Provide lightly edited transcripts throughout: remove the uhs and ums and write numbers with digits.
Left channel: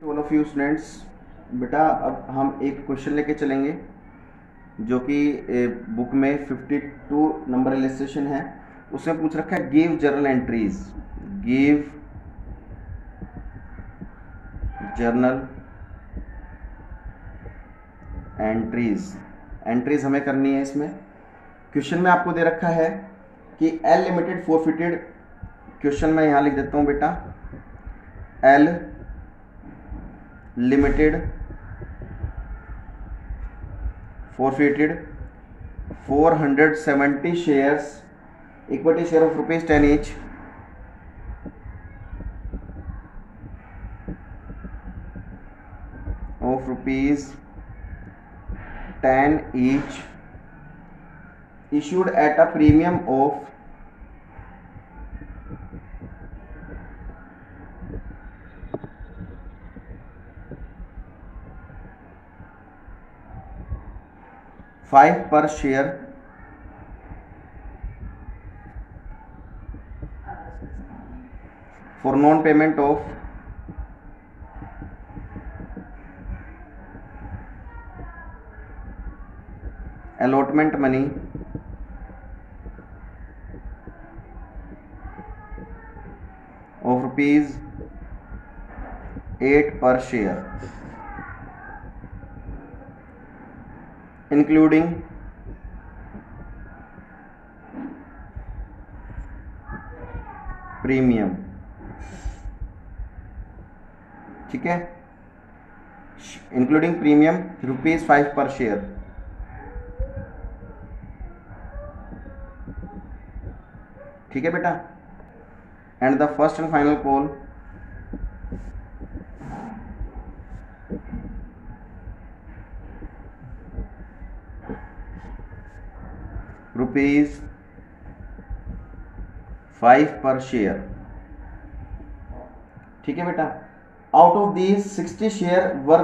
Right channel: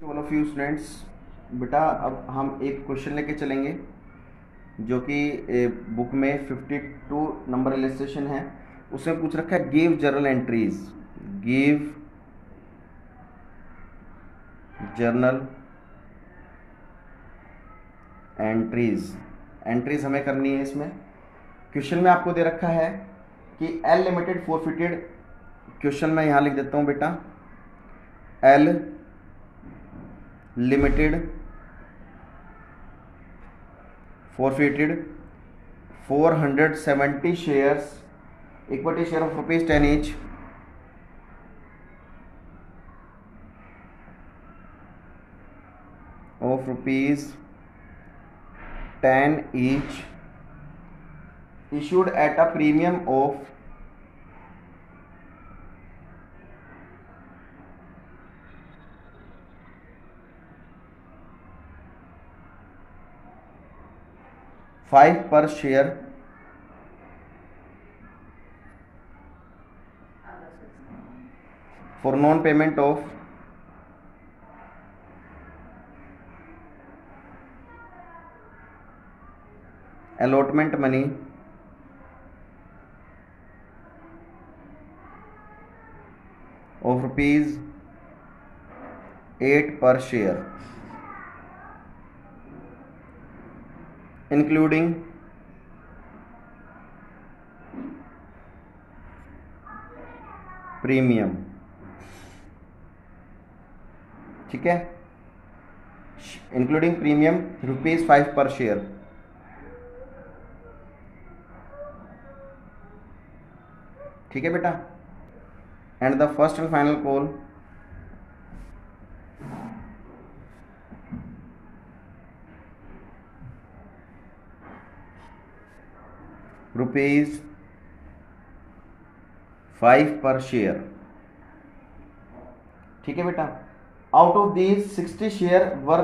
All of you students, बेटा अब हम एक क्वेश्चन लेके चलेंगे जो कि बुक में 52 नंबर इलस्ट्रेशन है। उसमें पूछ रखा है give journal entries. Give journal entries. Entries हमें करनी है। इसमें क्वेश्चन में आपको दे रखा है कि एल लिमिटेड फोरफिटेड। क्वेश्चन में यहां लिख देता हूं बेटा, L limited forfeited 470 shares, equity share of ₹10 each, of ₹10 each, issued at a premium of 5 per share for non-payment of allotment money of ₹8 per share, including premium. ठीक है, including premium ₹5 पर share. ठीक है बेटा, and the first and final call ₹5 पर share. ठीक है बेटा, out of these 60 share were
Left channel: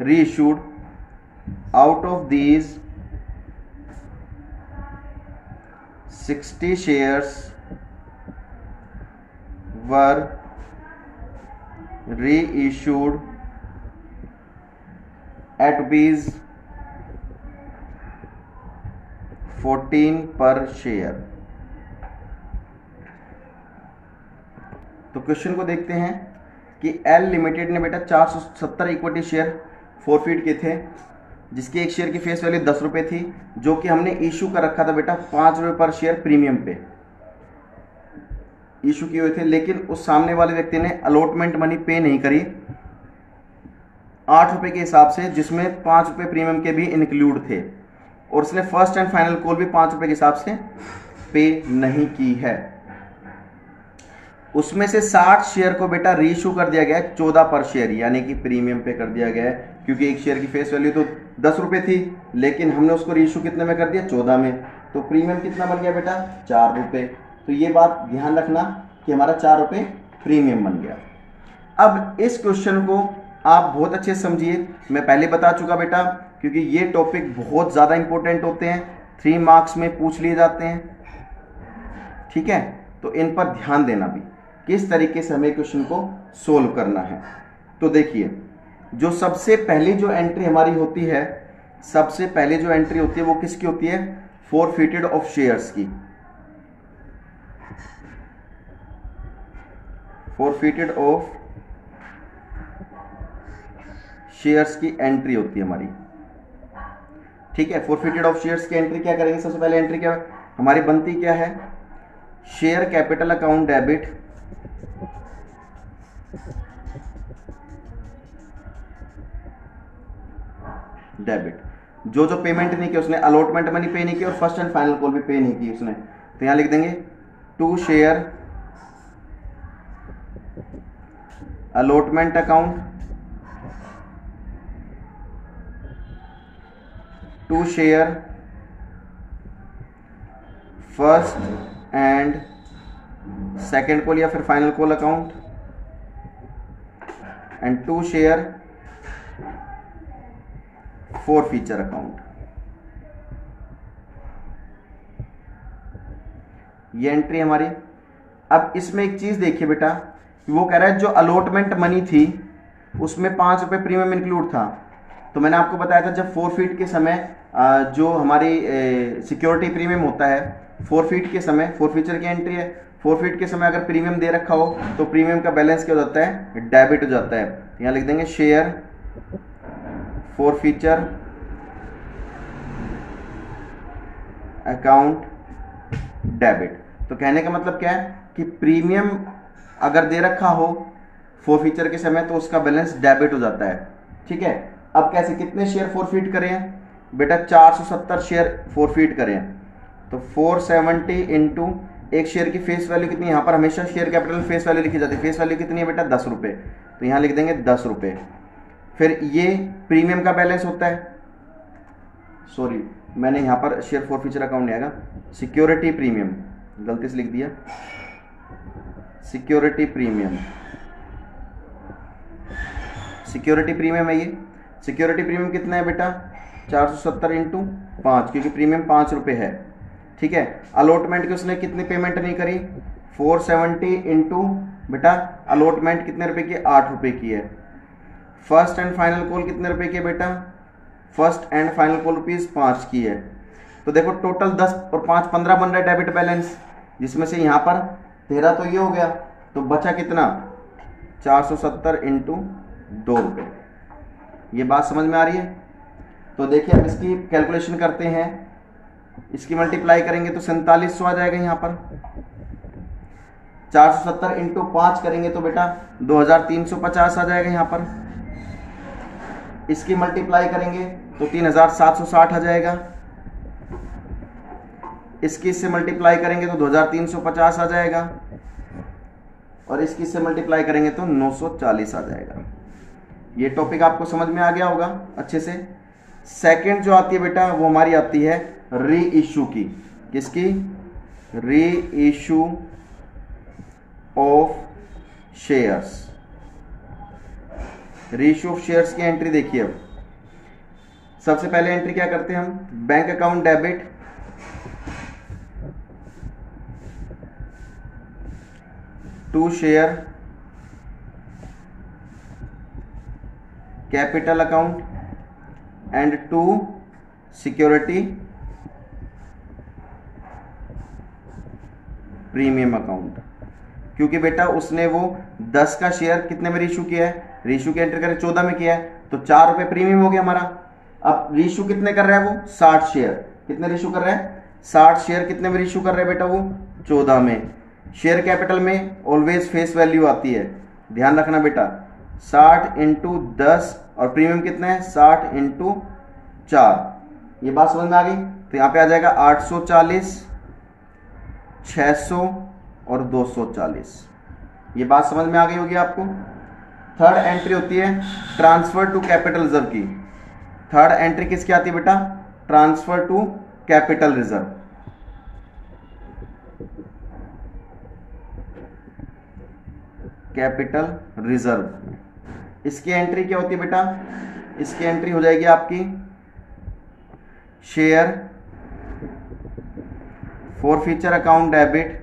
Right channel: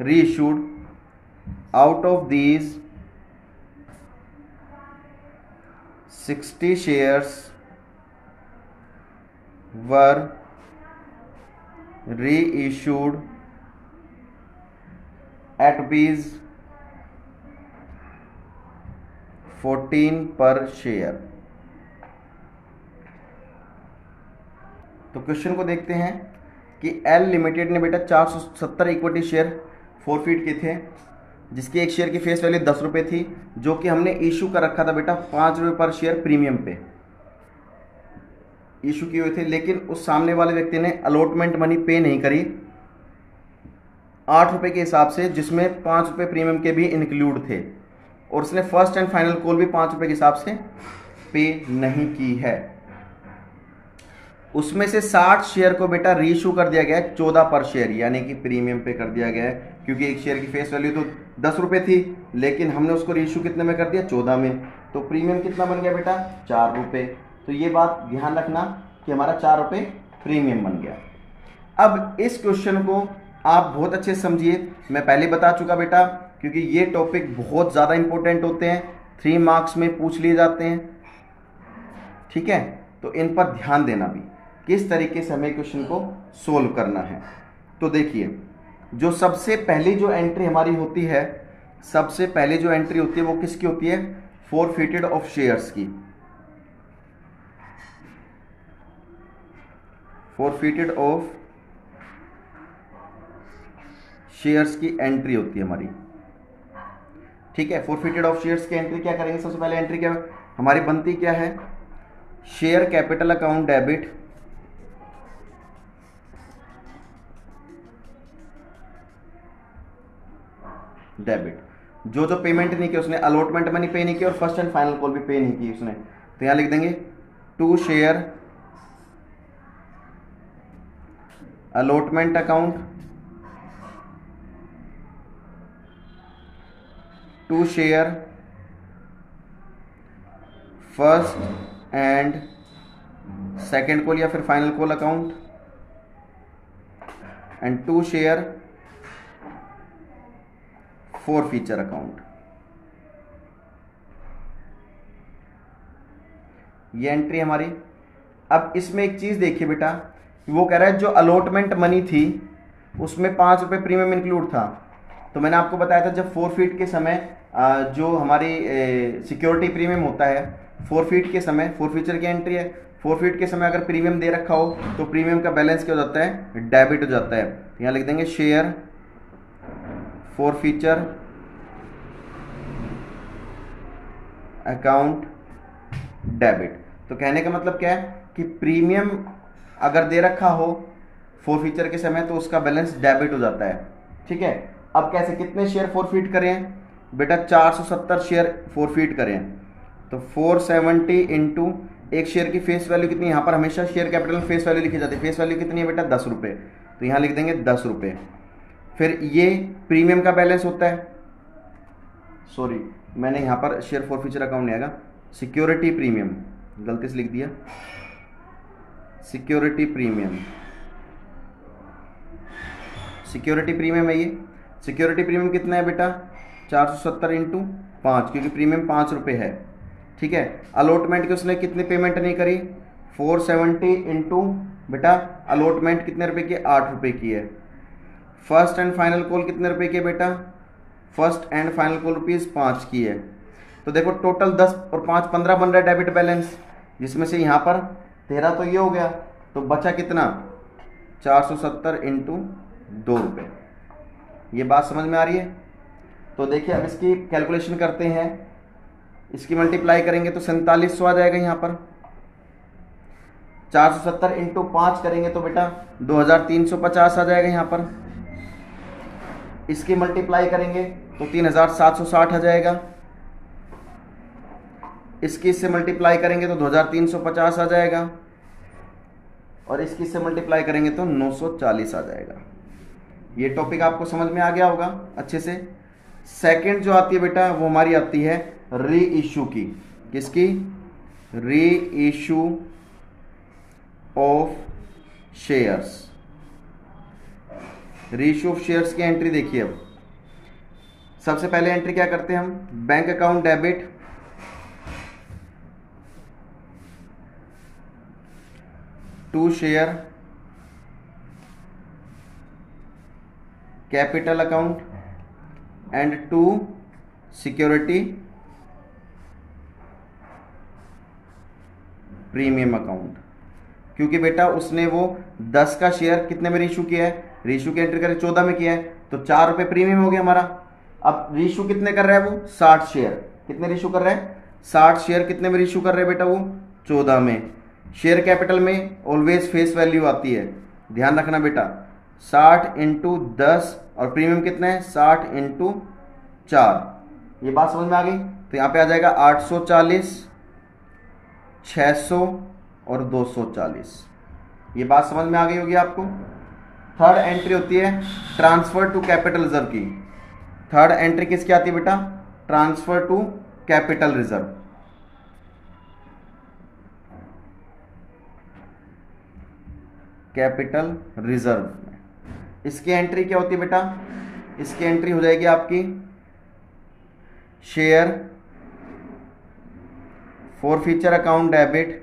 reissued. Out of these 60 shares were reissued eight ₹14 पर शेयर। तो क्वेश्चन को देखते हैं कि एल लिमिटेड ने बेटा 470 इक्विटी शेयर फोरफीट किए थे, जिसकी एक शेयर की फेस वैल्यू ₹10 थी, जो कि हमने इशू कर रखा था बेटा ₹5 पर शेयर प्रीमियम पे इशू किए हुए थे। लेकिन उस सामने वाले व्यक्ति ने अलॉटमेंट मनी पे नहीं करी ₹8 के हिसाब से, जिसमें ₹5 प्रीमियम के भी इंक्लूड थे, और उसने फर्स्ट एंड फाइनल कॉल भी ₹5 के हिसाब से पे नहीं की है। उसमें से 60 शेयर को बेटा रीइश्यू कर दिया गया है 14 पर शेयर, यानी कि प्रीमियम पे कर दिया गया है, क्योंकि एक शेयर की फेस वैल्यू तो ₹10 थी, लेकिन हमने उसको रीइश्यू कितने में कर दिया, 14 में। तो प्रीमियम कितना बन गया बेटा, ₹4। तो ये बात ध्यान रखना कि हमारा ₹4 प्रीमियम बन गया। अब इस क्वेश्चन को आप बहुत अच्छे से समझिए। मैं पहले बता चुका बेटा, क्योंकि ये टॉपिक बहुत ज्यादा इंपॉर्टेंट होते हैं, 3 मार्क्स में पूछ लिए जाते हैं। ठीक है, तो इन पर ध्यान देना भी, किस तरीके से हमें क्वेश्चन को सोल्व करना है। तो देखिए, जो सबसे पहली जो एंट्री हमारी होती है, सबसे पहली जो एंट्री होती है वो किसकी होती है, फोरफिटेड ऑफ शेयर्स की। फोरफिटेड ऑफ शेयर्स की एंट्री होती है हमारी। ठीक है, फोरफिटेड ऑफ शेयर्स की एंट्री क्या करेंगे, सबसे पहले एंट्री क्या हमारी बनती क्या है, शेयर कैपिटल अकाउंट डेबिट, जो जो पेमेंट नहीं की उसने, अलॉटमेंट मनी पे नहीं की और फर्स्ट एंड फाइनल कॉल भी पे नहीं की उसने, तो यहां लिख देंगे to share allotment account, to share first and second call या फिर final call account, and to share forfeiture account. ये एंट्री हमारी। अब इसमें एक चीज देखिए बेटा, वो कह रहा है जो अलॉटमेंट मनी थी उसमें 5 रुपये प्रीमियम इंक्लूड था। तो मैंने आपको बताया था जब फोरफीट के समय जो हमारी सिक्योरिटी प्रीमियम होता है, फोरफीट के समय, फोरफीचर की एंट्री है, फोरफीट के समय अगर प्रीमियम दे रखा हो तो प्रीमियम का बैलेंस क्या हो जाता है, डेबिट हो जाता है। यहाँ लिख देंगे शेयर फोरफीचर अकाउंट डेबिट। तो कहने का मतलब क्या है कि प्रीमियम अगर दे रखा हो फोरफीचर के समय तो उसका बैलेंस डेबिट हो जाता है। ठीक है, अब कैसे, कितने शेयर फोरफीट करें बेटा, 470 शेयर फोरफीट करें तो 470 इंटू एक शेयर की फेस वैल्यू कितनी, यहां पर हमेशा शेयर कैपिटल फेस वैल्यू लिखी जाती है, फेस वैल्यू कितनी है बेटा, 10 रुपए, तो यहां लिख देंगे 10 रुपए। फिर ये प्रीमियम का बैलेंस होता है, सॉरी मैंने यहां पर शेयर फोरफीचर अकाउंट नहीं आएगा, सिक्योरिटी प्रीमियम, गलती से लिख दिया, सिक्योरिटी प्रीमियम, सिक्योरिटी प्रीमियम है ये। सिक्योरिटी प्रीमियम कितना है बेटा, 470 इंटू 5, क्योंकि प्रीमियम 5 रुपए है। ठीक है, अलॉटमेंट की उसने कितनी पेमेंट नहीं करी, 470 इंटू बेटा अलॉटमेंट कितने रुपए की, 8 रुपए की है। फर्स्ट एंड फाइनल कॉल कितने रुपए की है बेटा, फर्स्ट एंड फाइनल कॉल ₹5 की है। तो देखो टोटल 10 और 5 15 बन रहा है डेबिट बैलेंस, जिसमें से यहां पर 13 तो ये हो गया, तो बचा कितना, 470 इंटू 2 रुपए। ये बात समझ में आ रही है। तो देखिए अब इसकी कैलकुलेशन करते हैं, इसकी मल्टीप्लाई करेंगे तो 4700 आ जाएगा, यहाँ पर 470 इंटू 5 करेंगे तो बेटा 2350 आ जाएगा यहाँ पर। इसकी मल्टीप्लाई करेंगे तो 3760 आ जाएगा, इसकी इससे मल्टीप्लाई करेंगे तो 2350 आ जाएगा, और इसकी इससे मल्टीप्लाई करेंगे तो 940 आ जाएगा। ये टॉपिक आपको समझ में आ गया होगा अच्छे से। सेकंड जो आती है बेटा वो हमारी आती है री इशू की, किसकी, re issue of shares. Re issue of shares की एंट्री देखिए। अब सबसे पहले एंट्री क्या करते हैं हम, bank account debit to share capital account and to security premium account. क्योंकि बेटा उसने वो 10 का शेयर कितने में रीशू किया है, रीशू की एंट्री करें 14 में किया है, तो 4 रुपए प्रीमियम हो गया हमारा। अब रीशू कितने कर रहा है वो, 60 शेयर, कितने रीशू कर रहा है, 60 शेयर, कितने में रीशू कर रहे हैं बेटा वो, 14 में। शेयर कैपिटल में ऑलवेज फेस वैल्यू आती है, ध्यान रखना बेटा, 60 इंटू 10, और प्रीमियम कितना है 60 इंटू 4। ये बात समझ में आ गई। तो यहां पे आ जाएगा 840, 600 और 240। ये बात समझ में आ गई होगी आपको। थर्ड एंट्री होती है ट्रांसफर टू कैपिटल रिजर्व की। थर्ड एंट्री किसकी आती है बेटा, transfer to capital reserve. Capital reserve इसकी एंट्री क्या होती है बेटा, इसकी एंट्री हो जाएगी आपकी share forfeiture account debit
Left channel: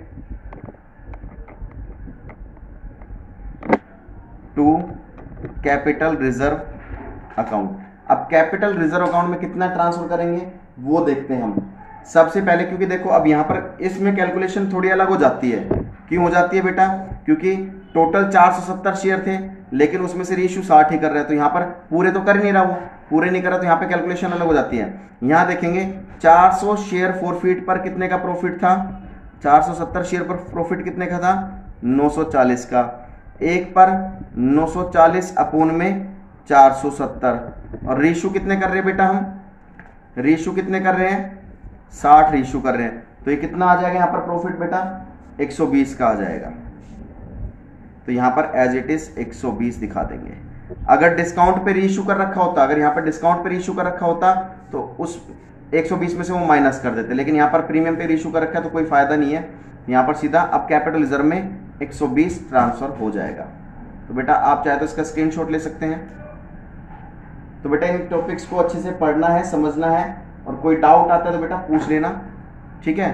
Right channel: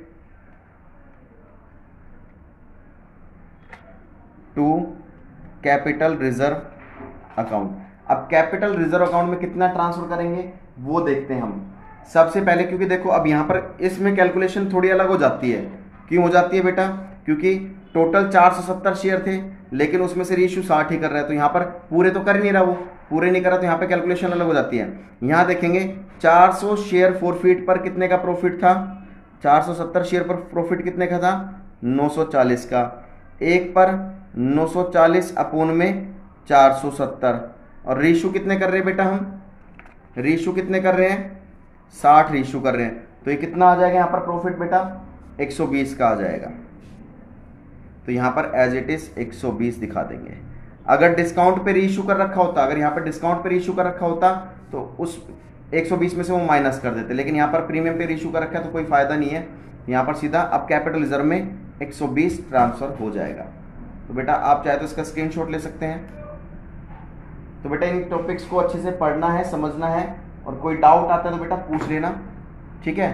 to capital reserve account. अब कैपिटल रिजर्व अकाउंट में कितना ट्रांसफर करेंगे वो देखते हैं हम सबसे पहले, क्योंकि देखो अब यहां पर इसमें कैलकुलेशन थोड़ी अलग हो जाती है। क्यों हो जाती है बेटा, क्योंकि टोटल 470 शेयर थे लेकिन उसमें से रीइश्यू 60 ही कर रहा है, तो यहां पर पूरे तो कर नहीं रहा, वो पूरे नहीं कर रहा, तो यहां पे कैलकुलेशन अलग हो जाती है। यहां देखेंगे 400 शेयर फोरफीट पर कितने का प्रॉफिट था, 470 शेयर पर प्रॉफिट कितने का था, 940 का। एक पर 940 अपून में 470, और रीइश्यू कितने कर रहे हैं बेटा, हम रीइश्यू कितने कर रहे हैं, 60 रीइश्यू कर रहे हैं, तो ये कितना आ जाएगा यहां पर प्रॉफिट बेटा, 120 का आ जाएगा। तो यहां पर एज इट इज 120 दिखा देंगे। अगर डिस्काउंट पे रीइश्यू कर रखा होता, अगर यहां पर डिस्काउंट पे रीइश्यू कर रखा होता तो उस 120 में से वो माइनस कर देते, लेकिन यहां पर प्रीमियम पे रीइश्यू कर रखा है तो कोई फायदा नहीं है। यहां पर सीधा अब कैपिटल रिजर्व में 120 ट्रांसफर हो जाएगा। तो बेटा आप चाहे तो इसका स्क्रीनशॉट ले सकते हैं। तो बेटा इन टॉपिक्स को अच्छे से पढ़ना है, समझना है, और कोई डाउट आता है तो बेटा पूछ लेना, ठीक है।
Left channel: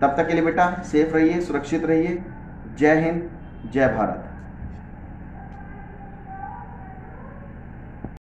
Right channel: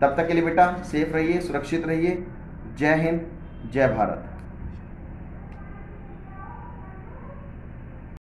तब तक के लिए बेटा सेफ रहिए, सुरक्षित रहिए। जय हिंद, जय भारत।